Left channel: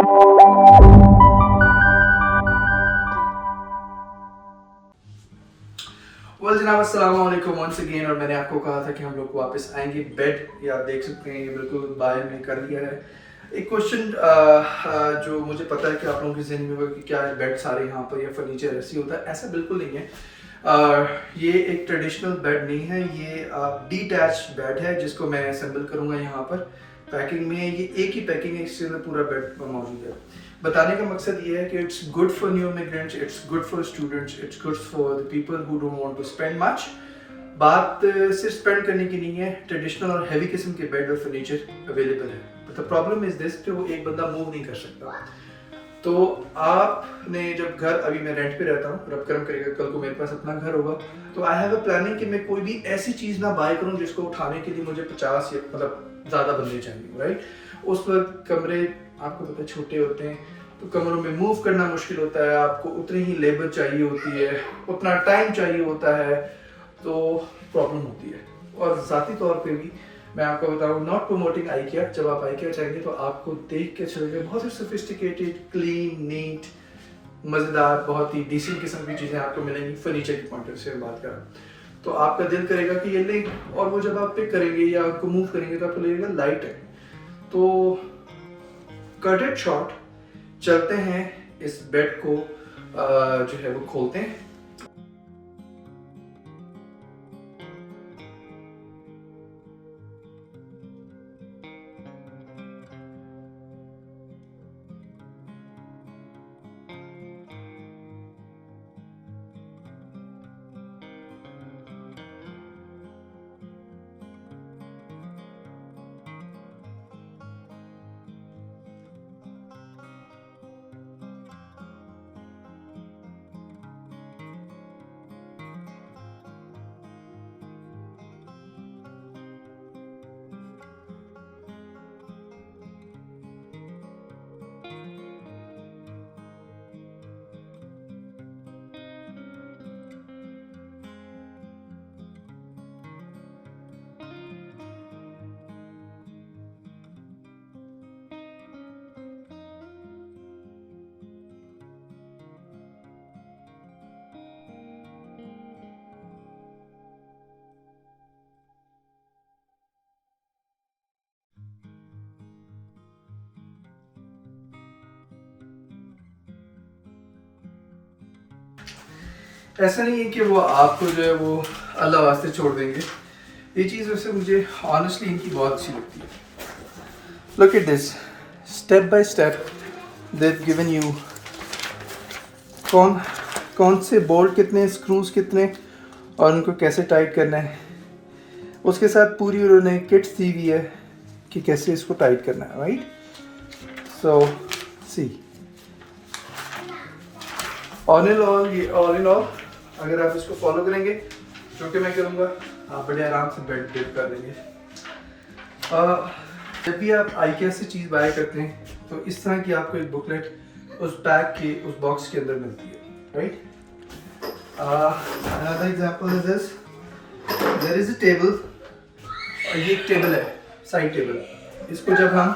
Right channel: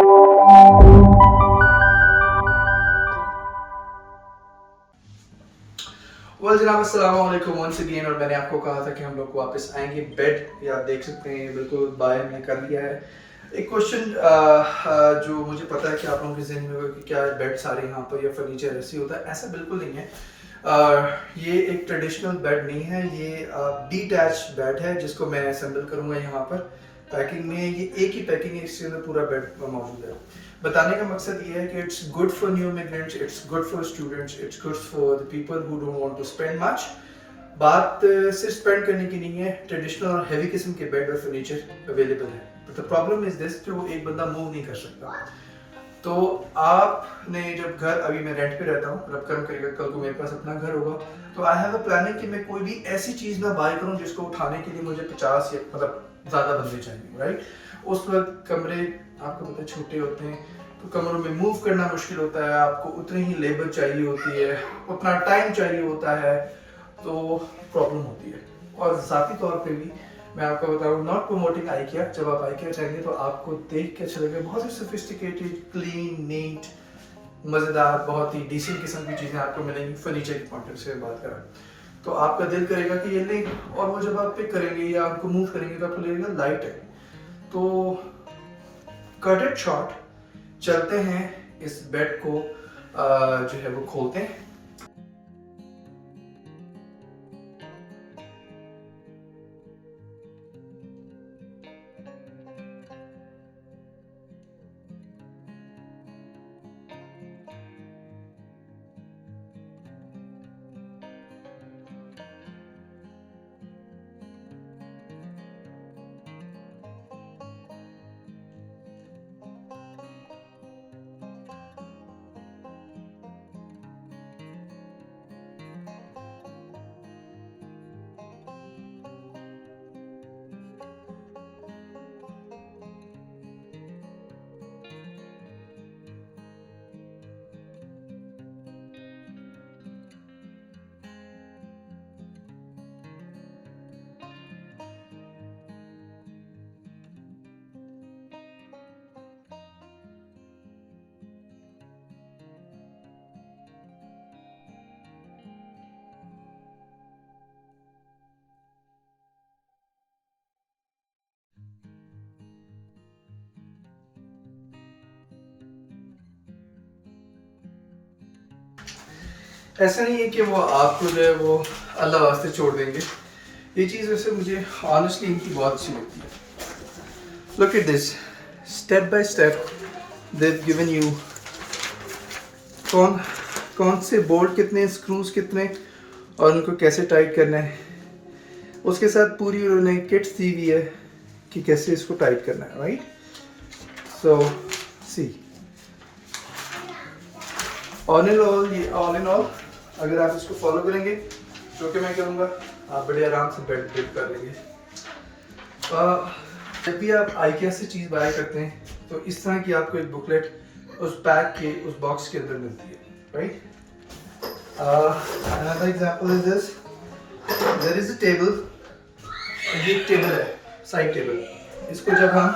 Well जनाब अस्सलाम वालेकुम वंस अगेन। और मैंने आपको कहा था कि हम लोग वापस आएंगे बेड, ये आप देख सकते हैं बिल्कुल बाय में कर लिया है। एक क्वेश्चन जो मुझे पता है कि आप लोगों के जहन में होगा कि क्या बेड सारे यहाँ पर या फर्नीचर ऐसे होता है, ऐसा बिल्कुल नहीं है। ये एक ट्रेडिशनल बेड नहीं है, ये डिटैच बेड है जिसको मैं असेंबल करूँगा यहाँ पर। पैकिंग में ये एक ही पैकिंग है, इसके अंदर पूरा बेड मौजूद है। बताने का मकसद ये है कि it's good for new immigrants, it's good for students, it's good for the people who don't want to spend much. बात सिर्फ स्पेंड करने की नहीं है, ट्रेडिशनल और हैवी किस्म के बेड और फर्नीचर अवेलेबल है। But the problem is this कि वो एक बंदा मूव नहीं कर सकता। तो आपने जब घर, अभी मैं रेंट पे रहता हूँ, रब करम करेगा कल को मेरे पास अपना घर होगा, तो आई हैव अ प्लानिंग कि मैं कोई भी ऐसी चीज़ ना बाय करूँ जिसको उठाने के लिए मुझे 50 या मतलब ज़्यादा बंदे चाहिए, राइट। उस वक्त कमरे आपको पता है छोटे होते हैं, तो कमरों में मूव करना मुश्किल होता है, आपको उतनी ही लेबर चाहिए होती है, उतना टाइम चाहिए होता है, तो प्रॉब्लम होती है। और ज़ाती तौर पे भी मैं आपको बताऊँ, नॉट प्रमोटिंग आइकिया, जब आप आइकिया जाएंगे तो आपको देख के अच्छा लगेगा, बहुत ही सोफिस्टिकेटेड, क्लीन, नीट, मज़ेदार, बहुत ही डिसेंट किस्म की चीज़ें आपको मिलेंगी फर्नीचर के पॉइंट से बात करें तो आपका दिल करेगा कि ये लें। और वो जब आप पिक करेंगे या उनको मूव करेंगे तो आपको लगेगा लाइट है। तो कट इट शॉर्ट, चलते हैं इस बेड को जो है वो खोलते हैं। ऐसा नहीं है कि वो आपको जो है वो अल्लाह वास्ते छोड़ देंगे। ये चीज़ वैसे मुझे ऑनेस्टली इनकी बहुत अच्छी लगती है। Look at this, step by step they have given you कौन से बोल्ट कितने, स्क्रूज कितने और उनको कैसे टाइट करना है। उसके साथ पूरी उन्होंने किट्स दी हुई है कि कैसे इसको टाइट करना है, right. So see, all in all अगर आप इसको फॉलो करेंगे, जो कि मैं करूँगा, आप बड़े आराम से बेड बिल्ड कर लेंगे। जब भी आप आइकिया से चीज़ बाय करते हैं तो इस तरह की आपको एक बुकलेट उस पैक के, उस बॉक्स के अंदर मिलती है, right. Another example is this, there is a table, ये एक टेबल है, साइड टेबल। इसको जब हम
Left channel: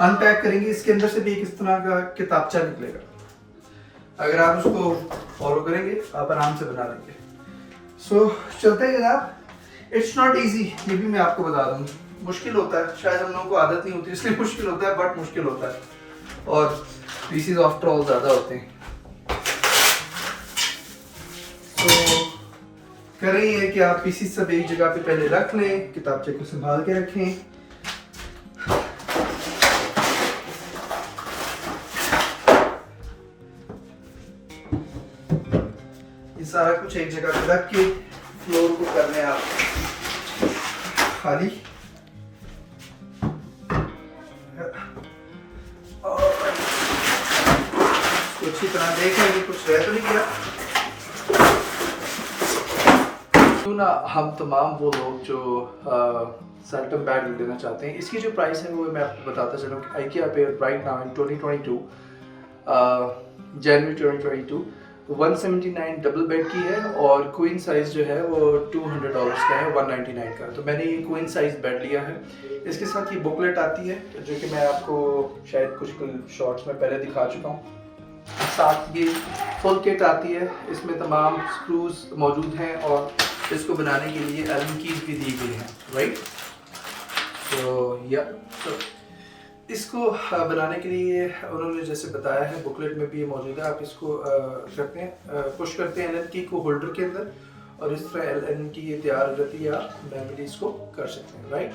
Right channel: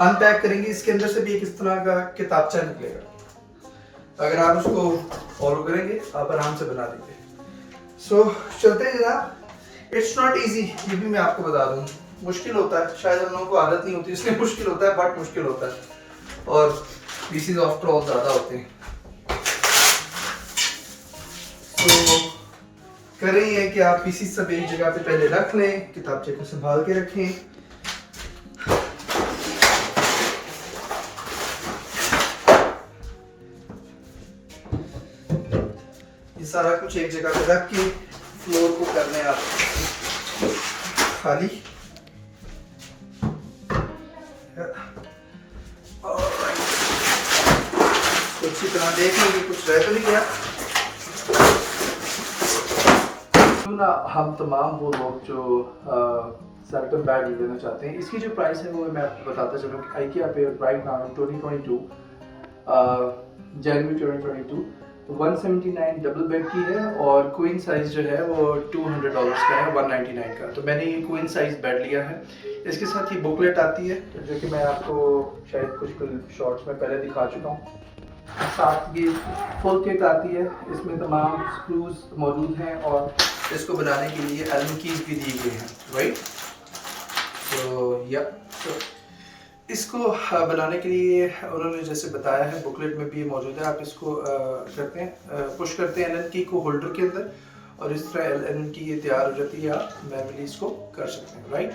अनपैक करेंगे, इसके अंदर से भी एक इस तरह का किताबचा निकलेगा। अगर आप उसको फॉलो करेंगे आप आराम से बना लेंगे। सो चलते हैं जनाब। इट्स नॉट इजी, ये भी मैं आपको बता दूँ, मुश्किल होता है, शायद हम लोगों को आदत नहीं होती इसलिए मुश्किल होता है, बट मुश्किल होता है और पीसेस आफ्टर ऑल ज़्यादा होते हैं। तो करें ये कि आप पीसेस सब एक जगह पे पहले रख लें, किताबचे को संभाल के रखें। सारा कुछ एक जगह पे रख के फ्लोर को करने आप खाली। अच्छी तरह देख लेंगे कुछ रह तो नहीं गया। तो ना हम तमाम वो लोग जो सेंटम बैग लेना चाहते हैं, इसकी जो प्राइस है वो मैं आपको बताता चलूँ कि आइकिया पे right now in 2022 January 2022 179 double bed की है और क्वीन साइज जो है वो $200 का है, 199 का। तो मैंने ये क्वीन साइज बेड लिया है। इसके साथ ये बुकलेट आती है जो कि मैं आपको शायद कुछ शॉर्ट्स में पहले दिखा चुका हूँ। साथ ये फुल किट आती है, इसमें तमाम स्क्रूज मौजूद हैं और इसको बनाने के लिए एलन कीज भी दी गई हैं, राइट। तो इसको बनाने के लिए उन्होंने जैसे बताया है, बुकलेट में भी ये मौजूद है। आप इसको करते हैं, पुश करते हैं एलन की को होल्डर के अंदर और इस तरह एलन की ये तैयार हो जाती है। आप मैनुअली इसको कर सकते हैं, राइट।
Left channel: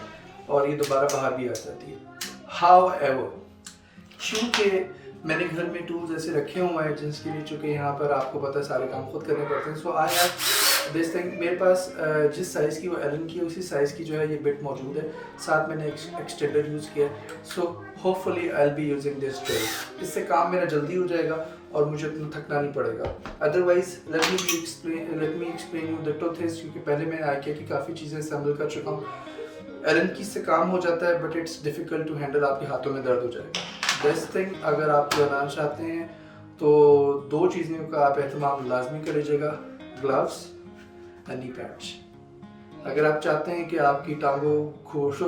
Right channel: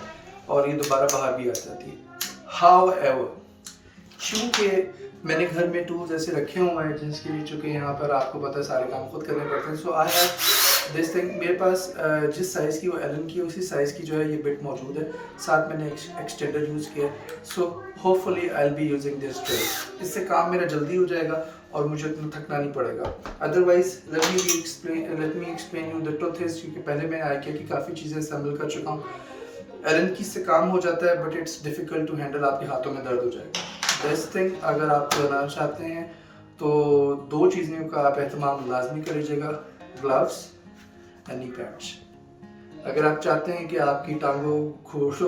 और ये दोबारा बाहर भी आ जाती है। हाउ एवर, चूँकि मैंने घर में टूल्स ऐसे रखे हुए हैं जिसके लिए, चूँकि यहाँ पर आपको पता है सारे काम खुद करने पड़ते हैं, सो आई हैव दिस थिंग। मेरे पास जिस साइज़ की वो एलन की उसी साइज़ की जो है ये बिट मौजूद है। साथ मैंने एक्सटेंडर यूज़ किया, so hopefully I will be using this drill. इससे काम मेरा जल्दी हो जाएगा और मुझे इतना थकना नहीं पड़ेगा। Otherwise let me explain you the truth is, क्योंकि पहले मैं आइकिया की काफ़ी चीज़ें असेंबल कर चुका हूँ। एलन की से काम हो जाता है but it's difficult to handle, आपके हाथों में दर्द हो जाएगा। दिस थिंग अगर आप बनाना चाहते हैं तो दो चीज़ों का आप एहतमाम लाजमी करिएगा, ग्लव्स एंड नी पैड्स। अगर आप चाहते हैं कि आपकी टांगों,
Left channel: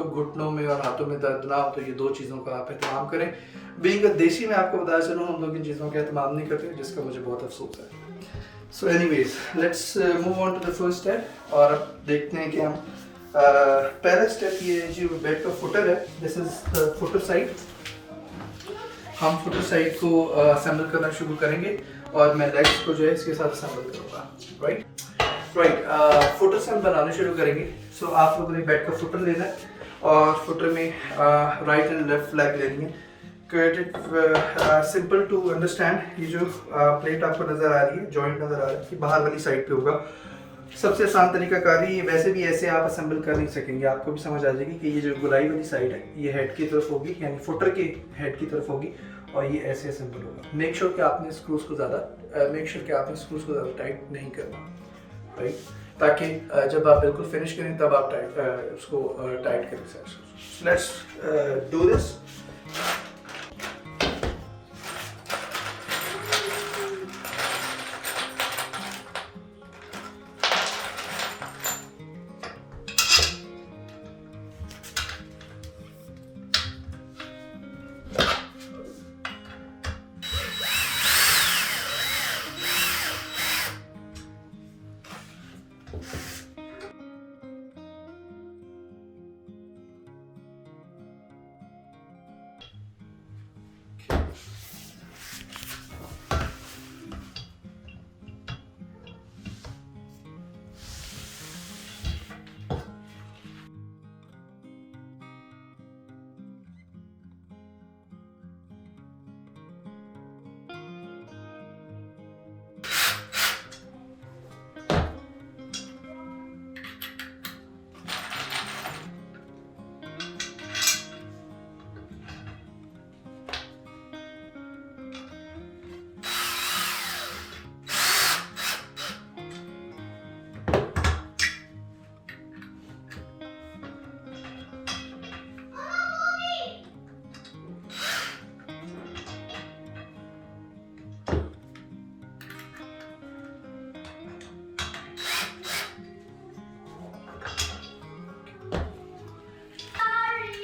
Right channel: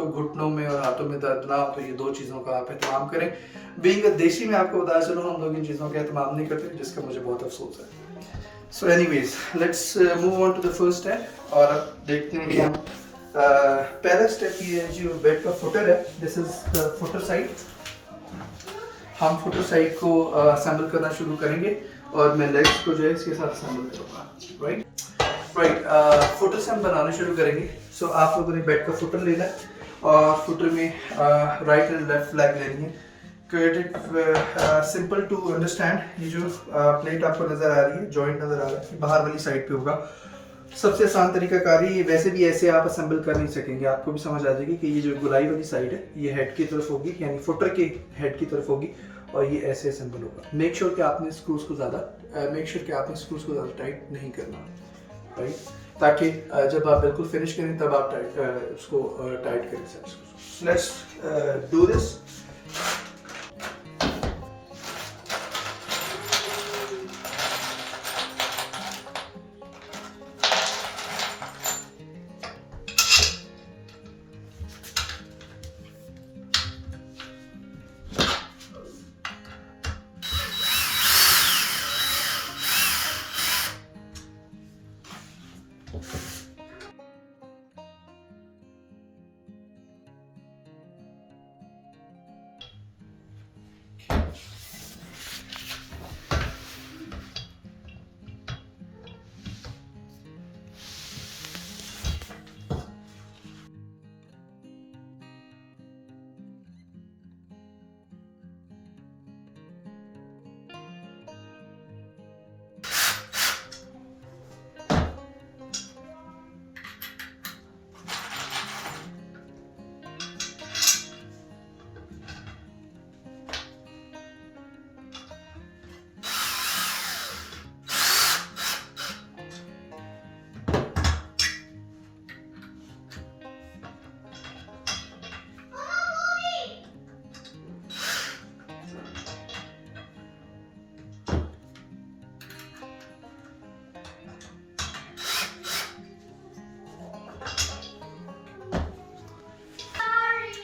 घुटनों में और हाथों में दर्द ना हो तो ये दो चीज़ों का आप एहतमाम करें। बीइंग अ देसी में आपको बताया चलूँ, हम लोग इन चीज़ों का एहतमाम नहीं करते, जिसका मुझे बहुत अफसोस है। So anyways let's move on to the first step और अब देखते हैं कि हम पहला स्टेप ये जो बेड का फुटर है, this is the footer side. हम फुटर साइड को असेंबल करना शुरू करेंगे और मैं लेग्स को जो है इसके साथ असेंबल करूँगा, राइट। फुटर से हम बनाना शुरू करेंगे। सो आप लोगों ने बेड का फुटर लेना है और फुटर में राइट एंड लेफ्ट फ्लैग लेनी है। Simple to understand. ये जो प्लेट आपको नज़र आ रही है, जॉइंट नज़र आ रहा है, ये बाहर वाली साइड पे होगा। सबसे आसान तरीकाकारी, ये वैसे भी ऐसे आप असेंबल कर नहीं सकेंगे, आपको भी समझ आ जाएगी कि ये जो गुलाई वाली साइड है ये हेड की तरफ होगी, यानी फुटर के हेड की तरफ होगी और ये ऐसे असेंबल होगा। मेक श्योर कि आपने स्क्रूज को ज़्यादा टाइट नहीं करना, राइट, ताकि जब आप बिल्कुल फिनिश करें तब आप उसको टाइट करें। Let's do this.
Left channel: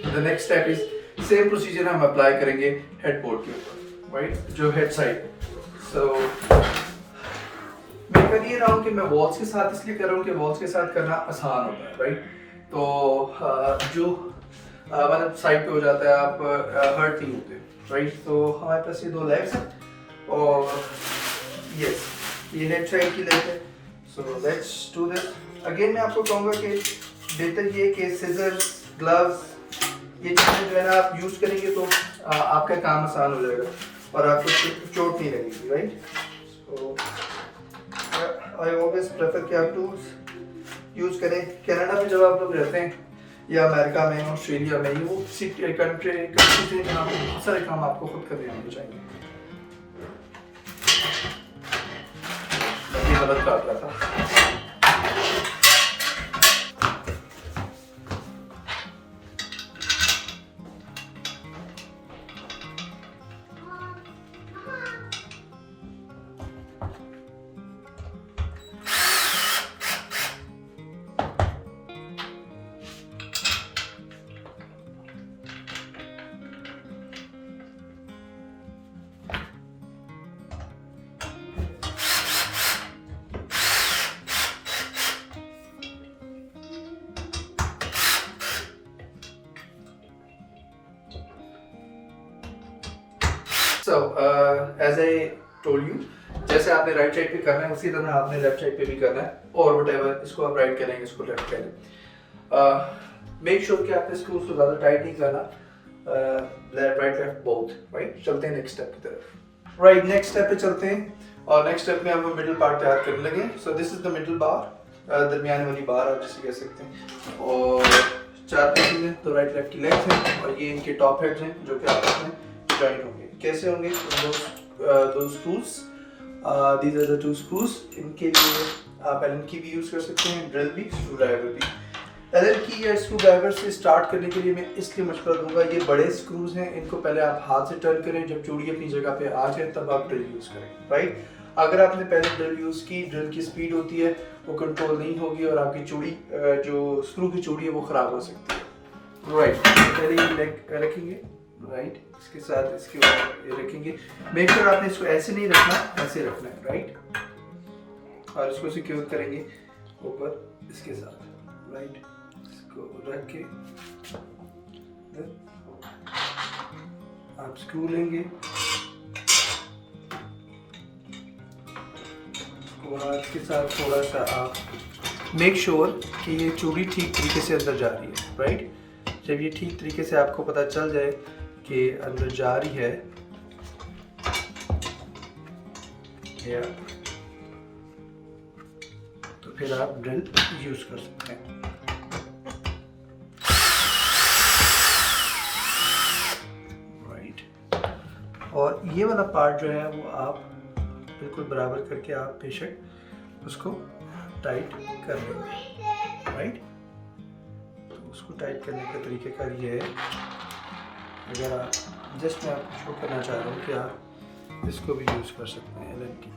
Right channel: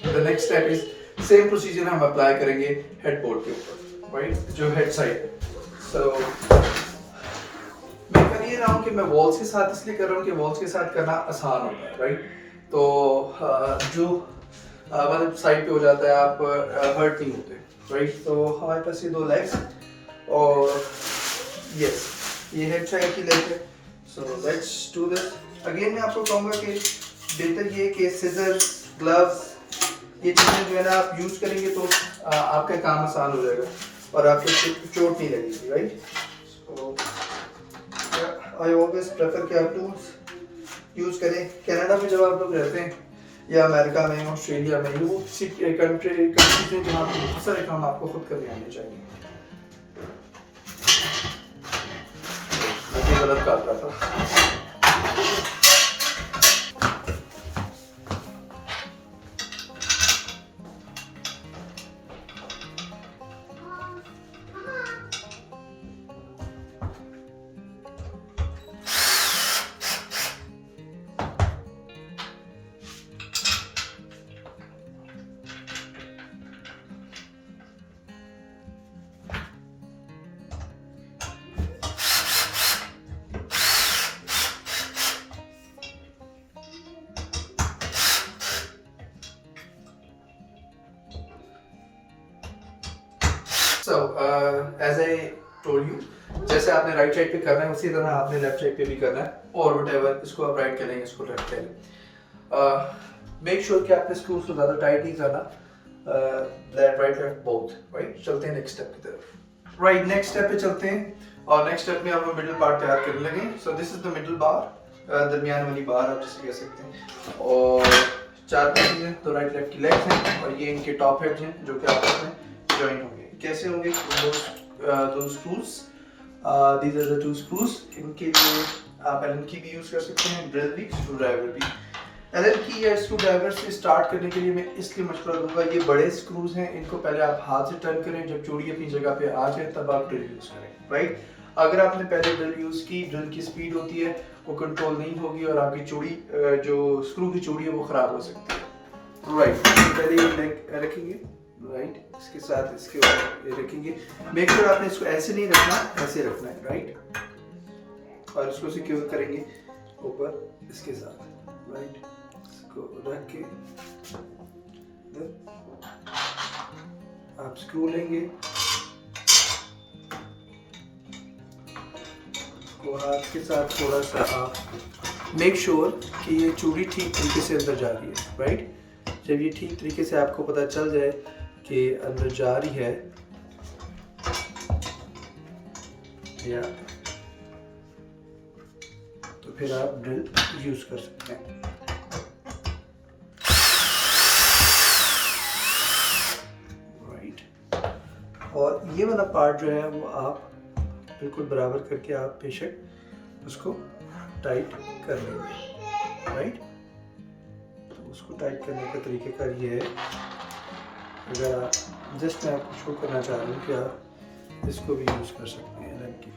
The next step is same procedure हम अप्लाई करेंगे हेडबोर्ड के ऊपर, राइट, जो हेड साइड। सो मैं कर ये रहा हूँ कि मैं वॉल्स के साथ इसलिए कर रहा हूँ कि वॉल्स के साथ करना आसान होता है, राइट। तो जो मतलब साइड पे हो जाता है, आप हर्ट नहीं होते, राइट। तो हमारे पास ये दो लेग्स और यस ये हेड साइड की लेग है। So let's do this. Again मैं आपको कहूँगा कि बेहतर ये कि सिजर्स, ग्लव्स, ये चीज़ें जो है ना आप यूज़ करेंगे तो आपका काम आसान हो जाएगा और आपको चोट नहीं लगेगी, right. So I always prefer कि आप टूल्स यूज़ करें। कनाडा में जब आप लोग रहते हैं या अमेरिका में, ऑस्ट्रेलिया में, वो कंट्रीज हैं जहाँ पर बहुत सारे काम आपको खुद करने आने चाहिए। गलत बात रहा था। So as I told you, जैसे आपने राइट साइड पे करना है उसी तरह आपने लेफ्ट साइड पे भी करना है, और व्हाटएवर, इसको आप राइट करेंगे, इसको लेफ्ट करें। मेक श्योर कि आपने स्क्रूज को ज़्यादा टाइट नहीं करना, राइट लेफ्ट बोथ, राइट। चलते हैं नेक्स्ट स्टेप की तरफ। राइट, नेक्स्ट स्टेप पे चलते हैं, और नेक्स्ट स्टेप में हम मिडिल पार्ट तैयार करने लगे। So this is the middle bar, दरमियान वाली बार आप जिसे कह सकते हैं, और 4 पीसेज हैं, तो राइट लेफ्ट की लेग्स हैं, और ये इनके टॉप हेड्स हैं जो कि आपस में जॉइंट होंगे। कैसे होंगे? दो screws, these are the 2 screws। इनके लिए आप एलन की भी यूज़ कर सकते हैं, ड्रिल भी, स्क्रू ड्राइवर भी। एलन की या स्क्रू ड्राइवर से स्टार्ट करने के लिए मैं इसलिए मशवरा दूंगा, ये बड़े स्क्रूज हैं, इनको पहले आप हाथ से टर्न करें, जब चूड़ी अपनी जगह पे आ जाए तब आप ड्रिल यूज़ करें, राइट। अगर आपने पहले ड्रिल यूज़ की, ड्रिल की स्पीड होती है वो कंट्रोल नहीं होगी, और आपकी चूड़ी जो स्क्रू की चूड़ी है वो ख़राब हो सकती है, राइट। पहले ये लेग रखेंगे, राइट, इसके साथ इसके ऊपर ये रखेंगे। मेक श्योर आपने इसको ऐसे नहीं रखना, ऐसे रखना है, राइट, और इसको सिक्योर करेंगे ऊपर इसके साथ, राइट। इसको रख के आप स्क्रू लेंगे, और आपके साथ थोड़ा सा आप मेक श्योर कि ये चूड़ी ठीक तरीके से अंदर जा रही है, राइट। जब ये ठीक तरीके से आपको पता चल जाए कि अंदर जा रही है, या तो फिर आप ड्रिल यूज कर सकते हैं। राइट, और ये वाला पार्ट जो है वो आप बिल्कुल बराबर करके आप बेशक उसको टाइट कर लेंगे, राइट। तो उसको टाइट करने का तरीक़ेकार ये है, अगर आप जस्ट मैं आपको शो करना चाह रहा हूँ कि आप इसको भी यूज़ कर सकते हैं एलन की।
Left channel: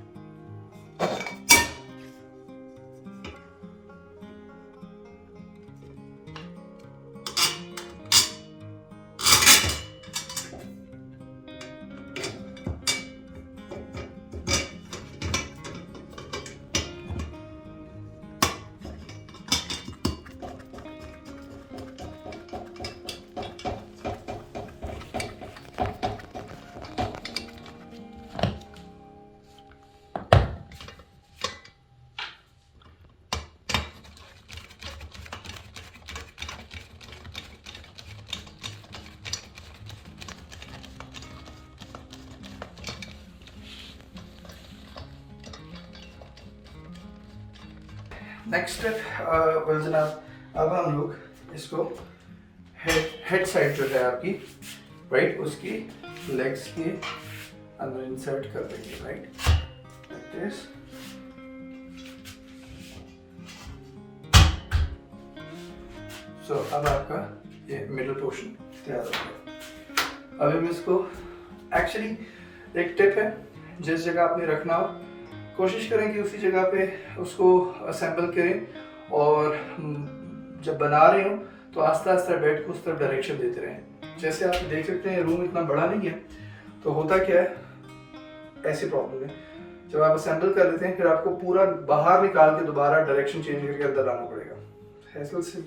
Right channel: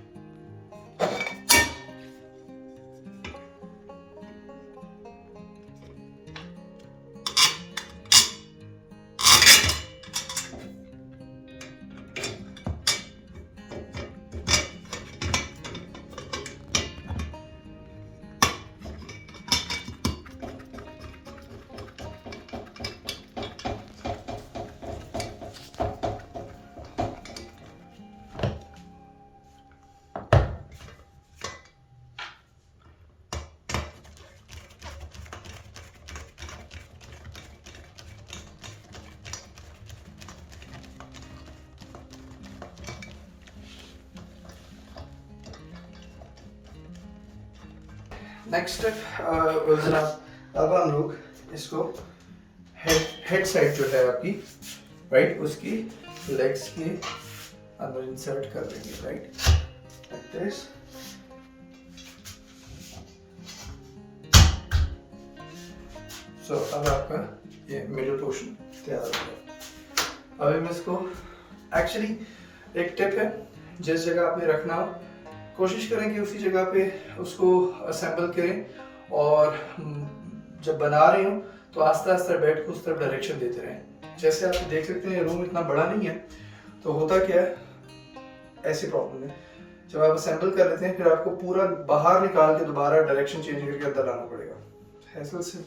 नेक्स्ट स्टेप जनाब, अब हम लोग इसको हेड साइड जो है आपकी, राइट, उसकी लेग्स के अंदर इंसर्ट कर देंगे, राइट, लाइक दिस। सो अब आपका ये मिडल पोर्शन तैयार हो गया। अब हम इसको, एक्चुअली एक टिप है, जिस जगह आपने रखना हो कोशिश करें कि उसी जगह पे उसको असेंबल करें, और जब बना रहे हो तो आस्ते आस्ते बेड को उस तरफ डायरेक्शन देते रहें। जैसे आप देख सकते हैं रूम इतना बड़ा नहीं है, तो होता क्या है, ऐसी प्रॉब्लम है, जब आप असेंबल कर लेते हैं फिर आपको पूरा बाहर निकाल के दोबारा डायरेक्शन चेंज करके अंदर लाना पड़ेगा हैसल से,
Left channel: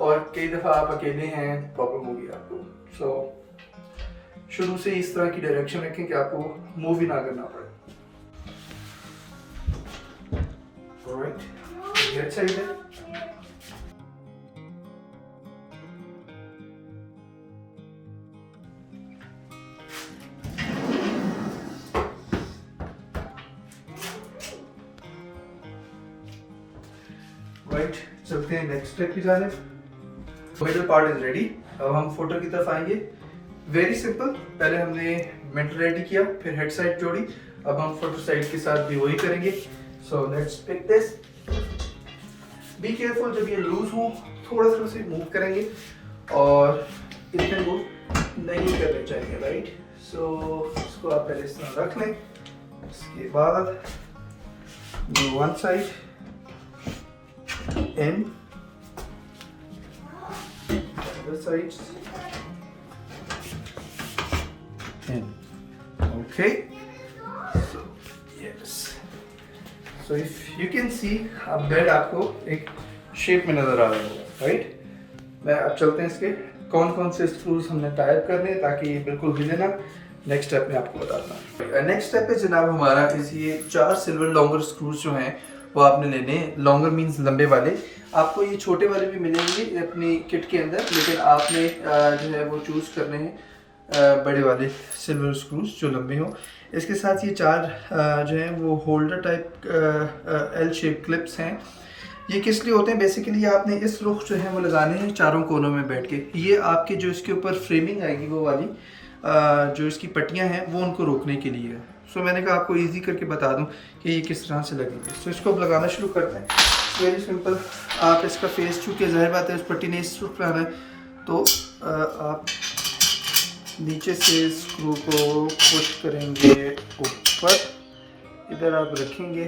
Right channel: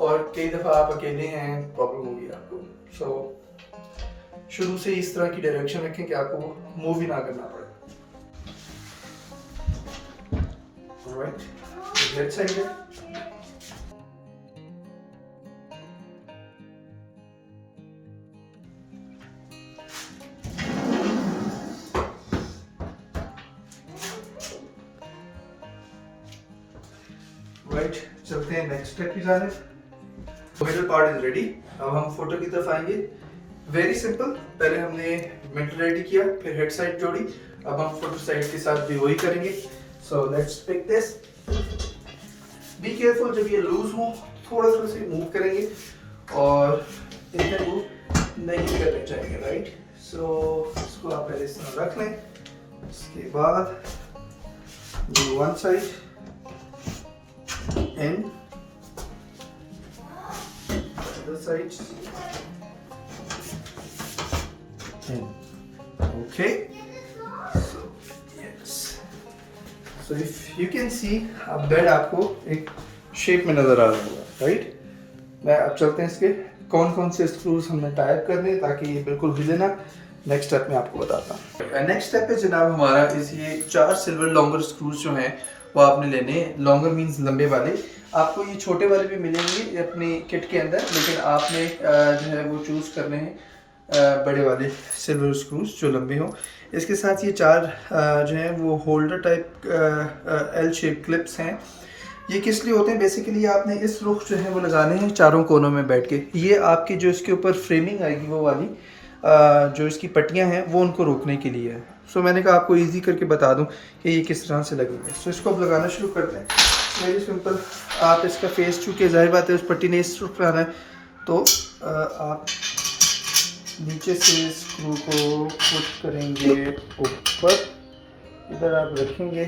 और कई दफ़ा आप अकेले हैं, प्रॉब्लम होगी आपको। सो शुरू से इस तरह की डायरेक्शन रखें कि आपको मूव ही ना करना पड़े। Alright, ये अच्छा ही है। Right, चलते हैं नेक्स्ट स्टेप की जानिब। Middle part is ready. अब हम फोटो की तरफ आएंगे। वेरी सिंपल, पहले हमने मिडल रेडी किया, फिर हेड साइड जोड़ी, अब हम फोटो साइड के साथ भी वही करेंगे। So let's pick this. Be careful, जब ये लूज हो थोड़ा सा उसे मूव करेंगे, और इतने मूव नहीं करने चाहिए, राइट। सो इसको आप पहले इस तरह रख लें, उसके बाद do one side in, other sides in, okay. So if you can see, अब बेड आपको एक शेप में नजर आ रहा है, राइट। मैं अब चलते हैं इसके कौन कौन से स्क्रूज हमने टाइप करने हैं ताकि ये बिल्कुल हिले ना। नेक्स्ट स्टेप में आपको बताता हूँ। नेक्स्ट स्टेप है जनाब हमारा इस ये 4 सिल्वर लॉन्गर स्क्रूज जो हैं वो आपने लेने हैं। लॉन्गर मींस लंबे वाले। आपको ये छोटे वाले भी मिलेंगे अपनी किट के अंदर, लेकिन आपने जो है वो चूज़ करने हैं बड़े वाले सिल्वर स्क्रूज जो लंबे हों। इसके साथ ये 4 जो हैं वो holder type L shape clips हैं। ये किस लिए होते हैं? बेसिकली आपने इस रुख जो है वो लगाने हैं चारों कोनों में बैठ के। ये आपकी जो इसके ऊपर फ्रेमिंग आएगी वो वाली जो इसकी पट्टियां हैं वो उनको रोकने के लिए है। सो मैंने कहा आपको इजी करके बता दूं कि ये किस तरह से लगेंगे। सो इसको अब लगाना शुरू करते हैं। Very simple. आप इसका फेस चूँकि ज़ाहिर बात है उस पट्टी ने इस रुख पे आना है, तो आप नीचे से स्क्रू को पुश करेंगे ऊपर, इधर आप रखेंगे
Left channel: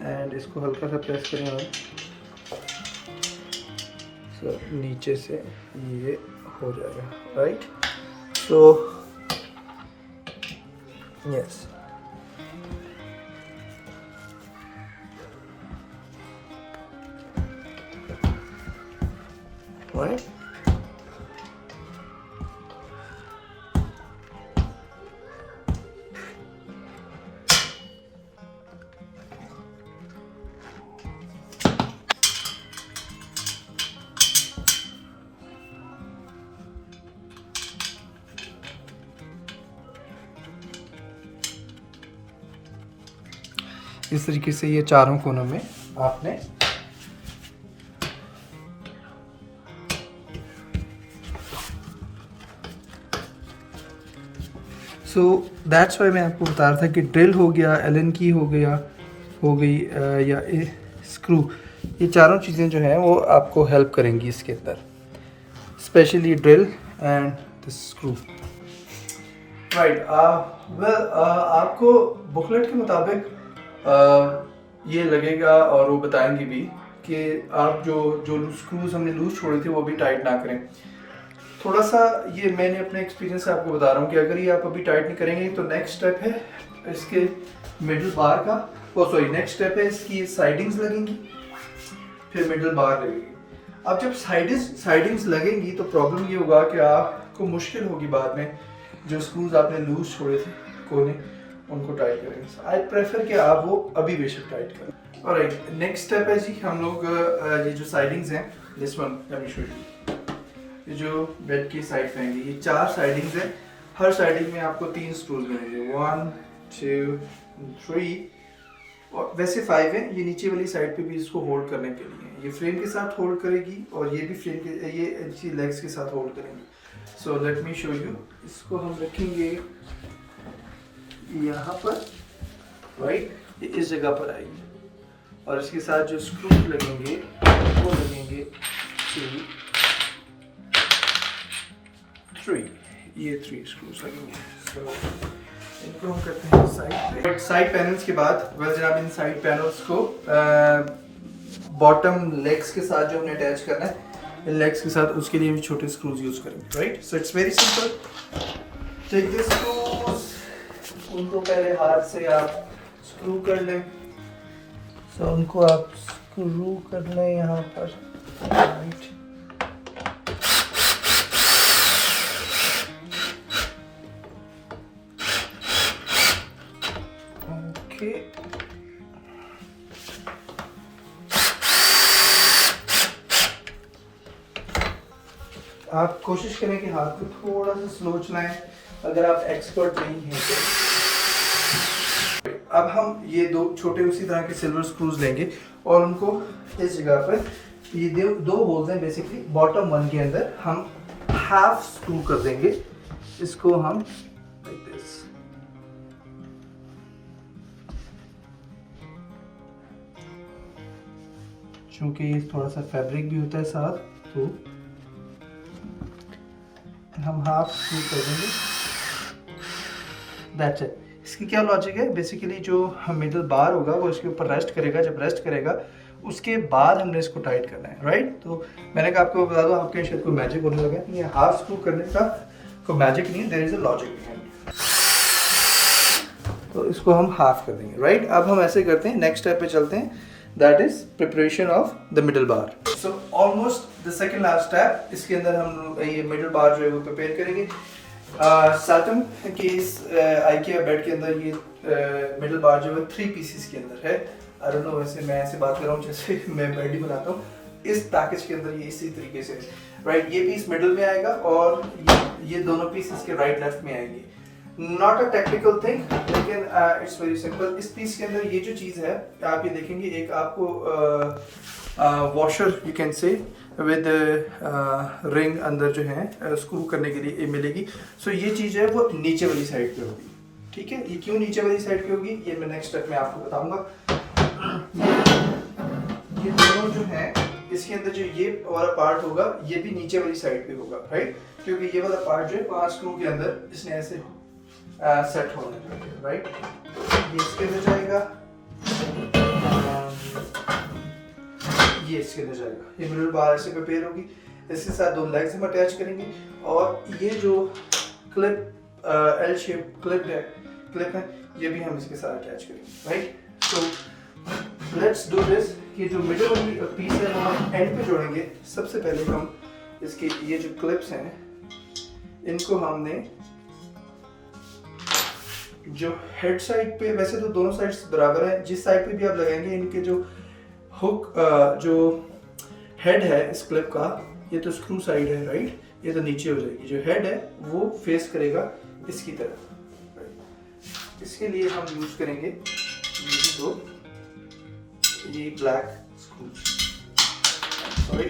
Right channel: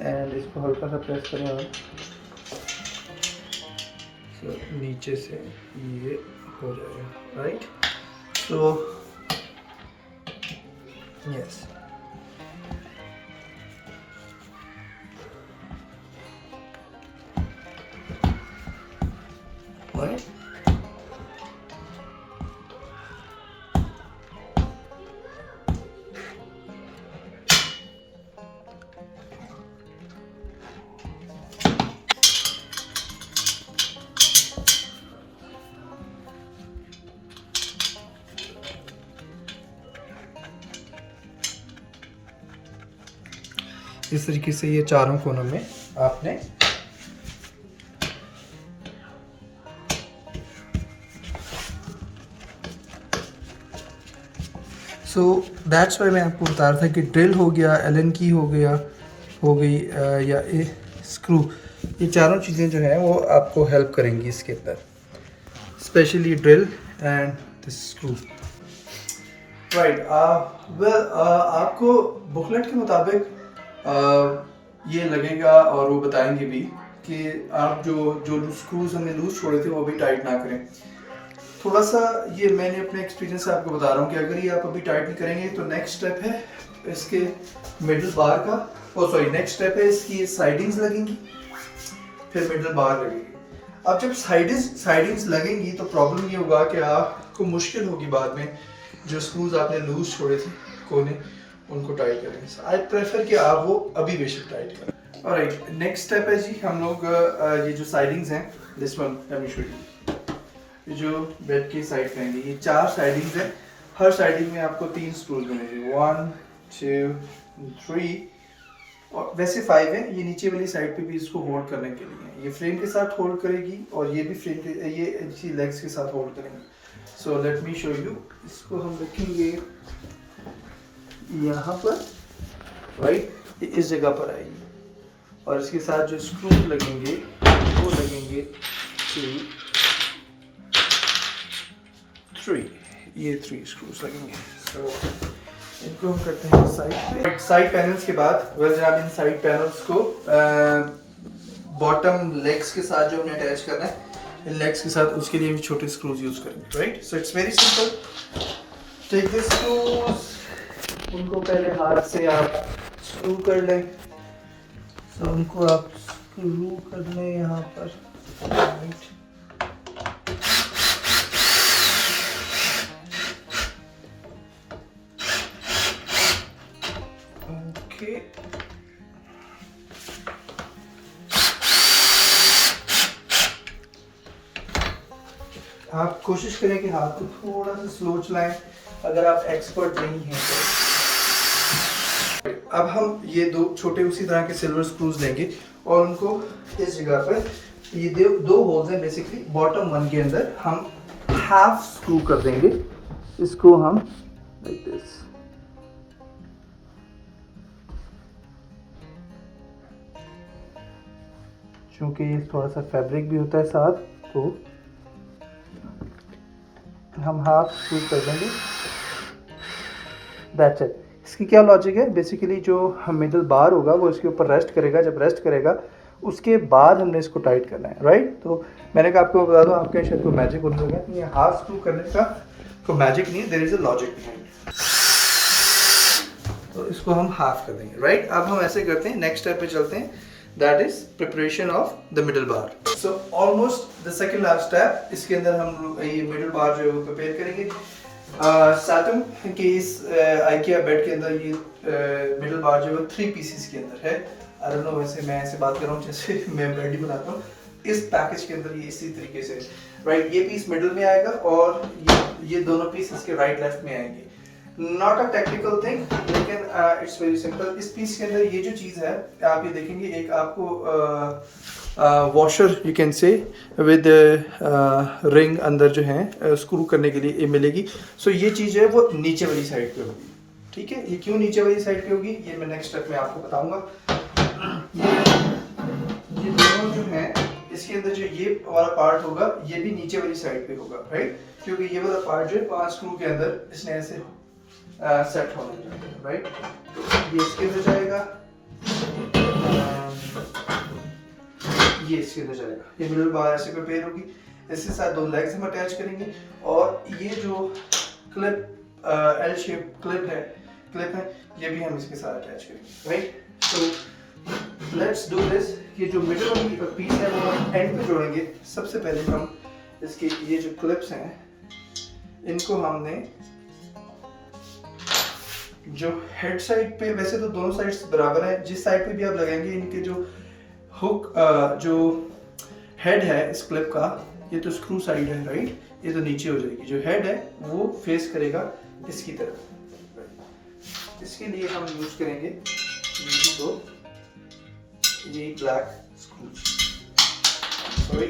एंड इसको हल्का सा प्रेस करें और नीचे से ये हो जाएगा, राइट। तो यस, राइट। इस तरीके से ये चारों कोनों में आपने दैट्स वाई मैं आपको बता रहा था कि ड्रिल हो गया, एलन की हो गई या स्क्रू, ये चारों चीज़ें जो हैं वो आपको हेल्प करेंगी इसके अंदर, specially drill and the screw, right. Well आपको बुकलेट के मुताबिक ये लगेगा और वो बताएंगे भी कि आप जो स्क्रूज हमने लूज छोड़े थे वो भी टाइट ना करें। थोड़ा सा ये मैंने अपने एक्सपीरियंस से आपको बता रहा हूँ कि अगर ये आप अभी टाइट नहीं करेंगे तो नेक्स्ट स्टेप है इसके मिडल बार का, नेक्स्ट स्टेप है इसकी साइडिंग्स लगेंगी, फिर मिडल बार लगेगी। अब जब साइडिंग्स लगेंगी तो प्रॉब्लम ये होगा कि आपको मुश्किल होगी बाद में जो स्क्रूज आपने लूज छोड़े थे कोने उनको टाइट करेंगे। आई प्रेफर कि आप वो अभी बेशक टाइट करें। ऑलराइट, नेक्स्ट स्टेप है जी हम लोग ये जो साइडिंग्स हैं, this one let me show you, ये जो बेड की साइड रहेंगे ये 4 साइडिंग्स हैं। हर साइडिंग में आपको 3 स्क्रूज बनेंगे, 1 2 3 और वैसे 5 हैं। ये नीचे वाली साइड पे भी इसको होल्ड करने के लिए, ये फ्रेम के साथ होल्ड करेगी और ये भी फ्रेम के ये इसी लेग्स के साथ होल्ड करेंगी। So let me show you. इसको हम रखेंगे यहाँ पर, राइट, ये इस जगह पर आएगी और इसके साथ जो स्क्रूज लगेंगे वो लगेंगे 3, ये 3 स्क्रूज लगेंगे। सो इनको हम करते हैं साइड पैनल्स के बाद। वेल जनाब, इन साइड पैनल्स को बॉटम लेग्स के साथ जो हमने अटैच करना है, इन लेग्स के साथ, उसके लिए हम छोटे स्क्रूज यूज करेंगे, right. So it's very simple. Take this screws, उनको पहले हाथ से आप स्क्रू कर लें। तो उनको आप स्क्रू कर लें यहाँ पर, राइट। ओके, आप कोशिश करें कि हाथ को थोड़ा सा स्लो चलाएं अगर आप एक्सपर्ट नहीं हैं तो। अब हम ये 2 छोटे उसी तरह के सिल्वर स्क्रूज लेंगे और उनको इस जगह पर, ये 2 होल्स हैं बेसिकली, बॉटम 1 के अंदर हम हाफ स्क्रू कर देंगे। इसको हम लाइक दिस, क्योंकि थोड़ा सा फैब्रिक भी होता है साथ, तो हम हाफ स्क्रू कर देंगे। That's it. इसकी क्या लॉजिक है? बेसिकली जो मिडल बार होगा वो इसके ऊपर रेस्ट करेगा, जब रेस्ट करेगा उसके बाद हमने इसको टाइट करना है, राइट। तो मैंने कहा आपको बता दूं, आपके शायद कोई मैजिक होने लगा, ये हाफ स्क्रू करने का कोई मैजिक नहीं है, there is a logic behind. तो इसको हम हाफ कर देंगे, राइट। अब हम ऐसे करते हैं, नेक्स्ट स्टेप पे चलते हैं, that is preparation of the middle bar. So almost the second last step, इसके अंदर हम ये मिडल बार जो है वो प्रिपेयर करेंगे। साटम के इस आइकिया बेड के अंदर ये मिडल बार जो है 3 पीसेस के अंदर है। आई डोंट नो, वैसे मैं ऐसे बात कर रहा हूँ जैसे मैं बेड ही बनाता हूँ। इस पैकेज के अंदर ये इसी तरीके से राइट, ये पीस मिडल में आएगा और ये दोनों पीस इसके राइट लेफ्ट में आएंगे। नॉट अ टेक्निकल थिंग, लेकिन इट्स वेरी सिंपल। इस पीस के अंदर ये जो चीज़ है आप ये देखेंगे, एक आपको washer you can say with ring अंदर जो है स्क्रू करने के लिए मिलेगी। सो ये चीज़ है वो नीचे वाली साइड पे होगी, ठीक है। ये क्यों नीचे वाली साइड पे होगी ये मैं नेक्स्ट स्टेप में आपको बताऊंगा। ये दोनों जो हैं इसके अंदर जो ये वाला पार्ट होगा ये भी नीचे वाली साइड पे होगा, राइट, क्योंकि ये वाला पार्ट जो है 5 स्क्रू के अंदर इसने ऐसे सेट होना है, राइट। ये इसके अंदर जाएगा, ये इसके अंदर जाएगा। ये मिडल बार ऐसे प्रिपेयर होगी, इसके साथ 2 लेग्स हम अटैच करेंगे और ये जो क्लिप एल शेप क्लिप है ये भी हम इसके साथ अटैच करेंगे, right. So let's do this. ये जो मिडल वाली पीस है वो हम एंड पे जोड़ेंगे। सबसे पहले हम इसके ये जो क्लिप्स हैं इनको हमने जो हेड साइड पे, वैसे तो दोनों साइड्स बराबर हैं, जिस साइड पे भी आप लगाएंगे इनके जो हुक जो हेड है इस क्लिप का, ये तो स्क्रू साइड है, राइट, ये तो नीचे हो जाएगी। जो हेड है वो फेस करेगा इसकी तरफ। इसके लिए हम यूज करेंगे यही दो, यही ब्लैक स्क्रू, सॉरी,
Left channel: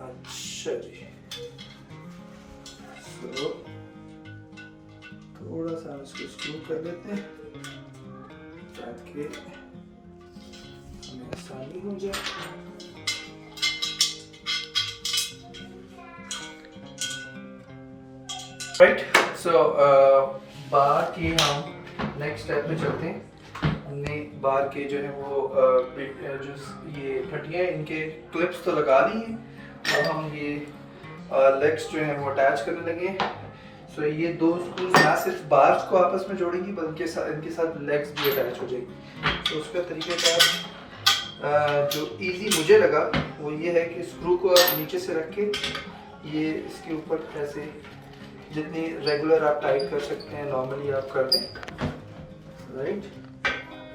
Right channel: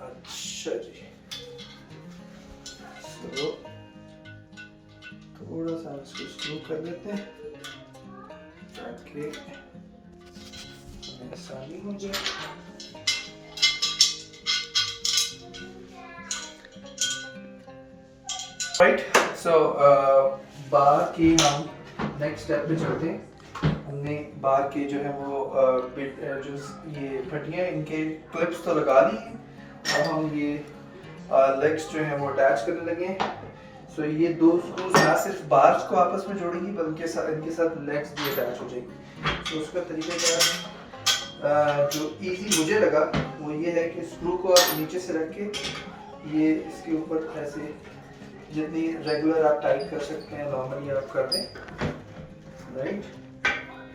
अच्छा जी। तो थोड़ा सा हम इसको स्क्रू कर लेते हैं ताकि आसानी हो जाए। राइट, सो बार के हम नेक्स्ट स्टेप पे चलते हैं। हमने बार के जो है वो जो ये फटियाँ इनके क्लिप्स तो लगा ली हैं, अब हम ये लेग्स जो हैं वो अटैच करने लगे हैं। सो ये 2 स्क्रूज ना सिर्फ बार्स को आपस में जोड़ेंगी बल्कि इनके साथ लेग्स भी अटैच हो जाएगी। तो उसका तरीक़ेकार जो इजी मुझे लगा वो ये है कि स्क्रू को आप नीचे से रख के ये इसके ऊपर ऐसे जितनी रेगुलर आप टाइट कर सकते हैं नॉर्मली आप कर दें, राइट।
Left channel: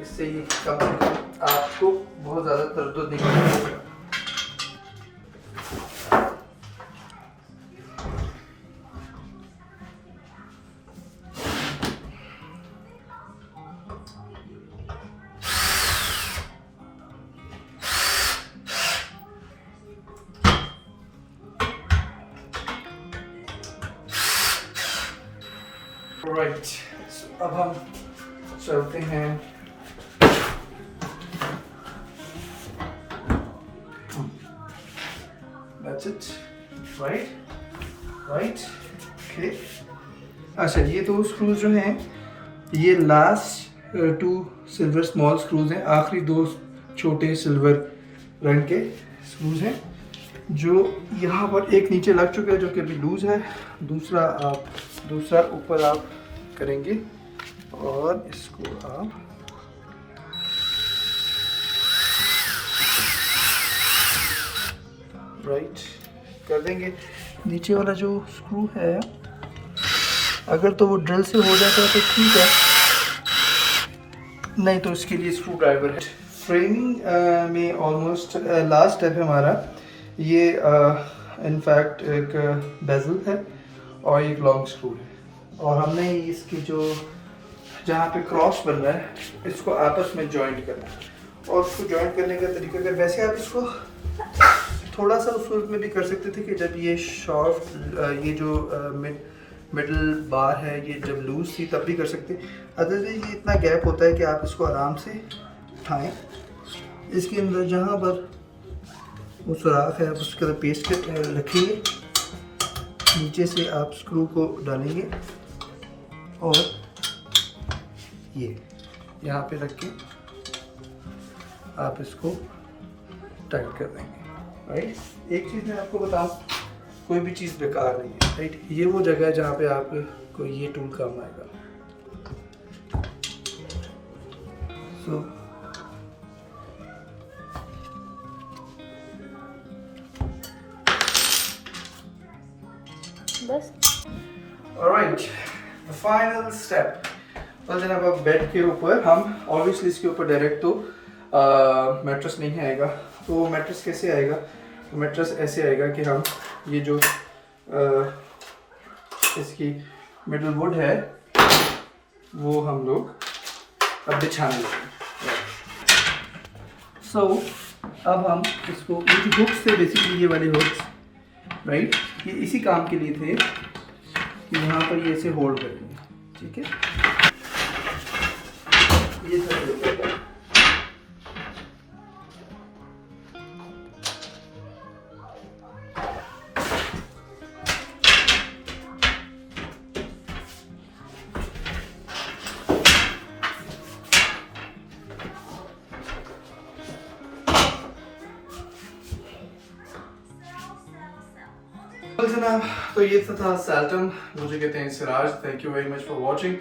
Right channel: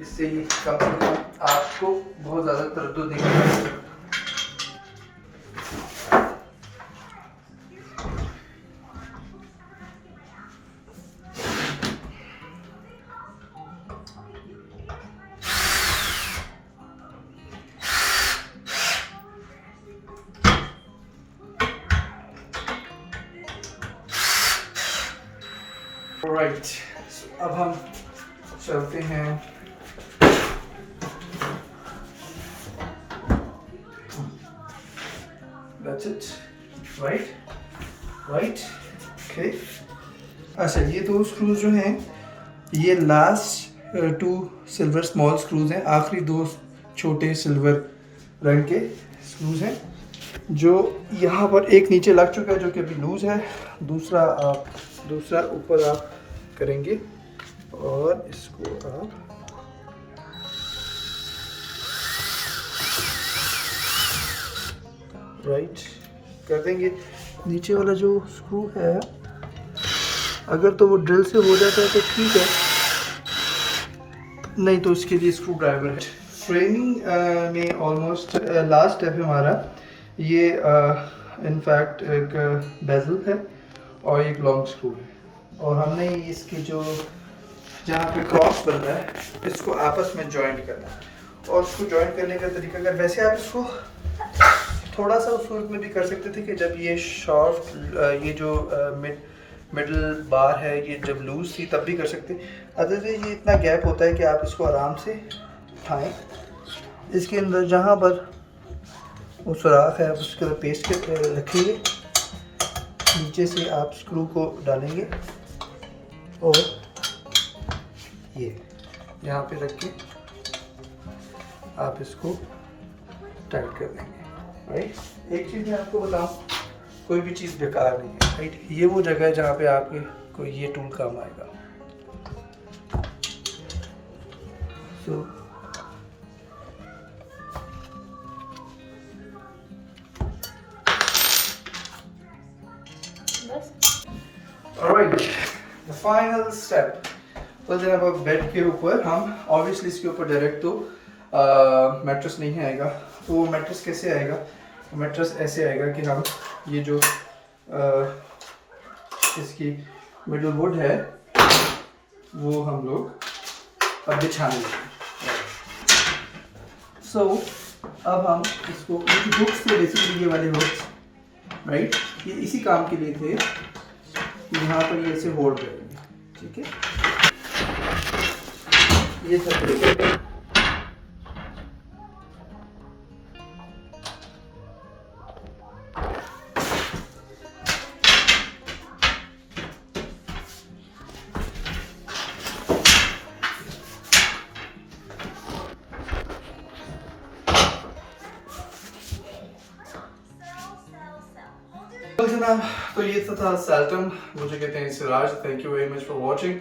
इससे ये कम से कम आपको बहुत ज़्यादा तरद्दुद नहीं करना। राइट, अब हम चलते हैं That's it, right, okay। अच्छा, ये 2 स्क्रूज जो हैं ये लास्ट 2 सिल्वर स्मॉल स्क्रूज हैं, आखिरी 2 छोटे सिल्वर रंग के स्क्रूज हैं जो यहाँ पर एक नीचे लग चुका है जो कि अभी लूज है, दूसरा ऊपर आप करेंगे और इसको आप राइट कर देंगे। नीचे वाला जो स्क्रू है अगर तो वो ड्रिल से हो जाता है तो ठीक है, नहीं तो इसके लिए स्क्रू ड्राइवर है। फ्रेमिंग में ऑलमोस्ट लास्ट स्टेप है हमारा, ये इनफैक्ट एक बेजल है और एक लॉन्ग स्क्रू है और हमने इसकी जो जहाँ पे क्रॉस बन रहा है इसको आपस में जॉइंट करना है। और उसको जॉइंट करने का तरीका, अगर वैसे आप इसको थोड़ा सा उस वक्त में भी कर सकते थे कि जब ये शॉर्ट ये जो मिडल बार है ये जब लूज थी तब भी कर सकते। अदरवाइज ये इतना गैप होता है कि आप इसको आराम से उठाएं, इसके अंदर जहाँ पर वो सुराख है आप उसके अंदर पेस्ट कर रखेंगे, नीचे से आप स्क्रू को डालेंगे और ये यहाँ पे रख के आप इसको टाइट कर देंगे, राइट। एक चीज़ मैं आपको बताऊँ, कोई भी चीज़ बेकार नहीं है, राइट। ये वो जगह है जहाँ पे आपको ये टूल काम आएगा। सो बस ऑलराइट, द फाइनल स्टेप। तो जनाब अब बेड के ऊपर हम ऑब्वियसली इसके ऊपर डायरेक्ट तो मैट्रेस नहीं आएगा। तो मैट्रेस कैसे आएगा? तो मैट्रेस ऐसे आएगा कि हम ये जो इसकी मिडल वुड है वो हम लोग अब बिछाने लगेंगे। सो अब हम इसको, ये हुक्स थे बेसिकली, ये वाले हुक्स, राइट, ये इसी काम के लिए थे कि यहाँ पर ये इसे होल्ड करेंगे, ठीक है। ये सब तरीका है। तो जनाब, तो ये था सैल्टम, मुझे कहते हैं Siraj. Thank you very much for watching.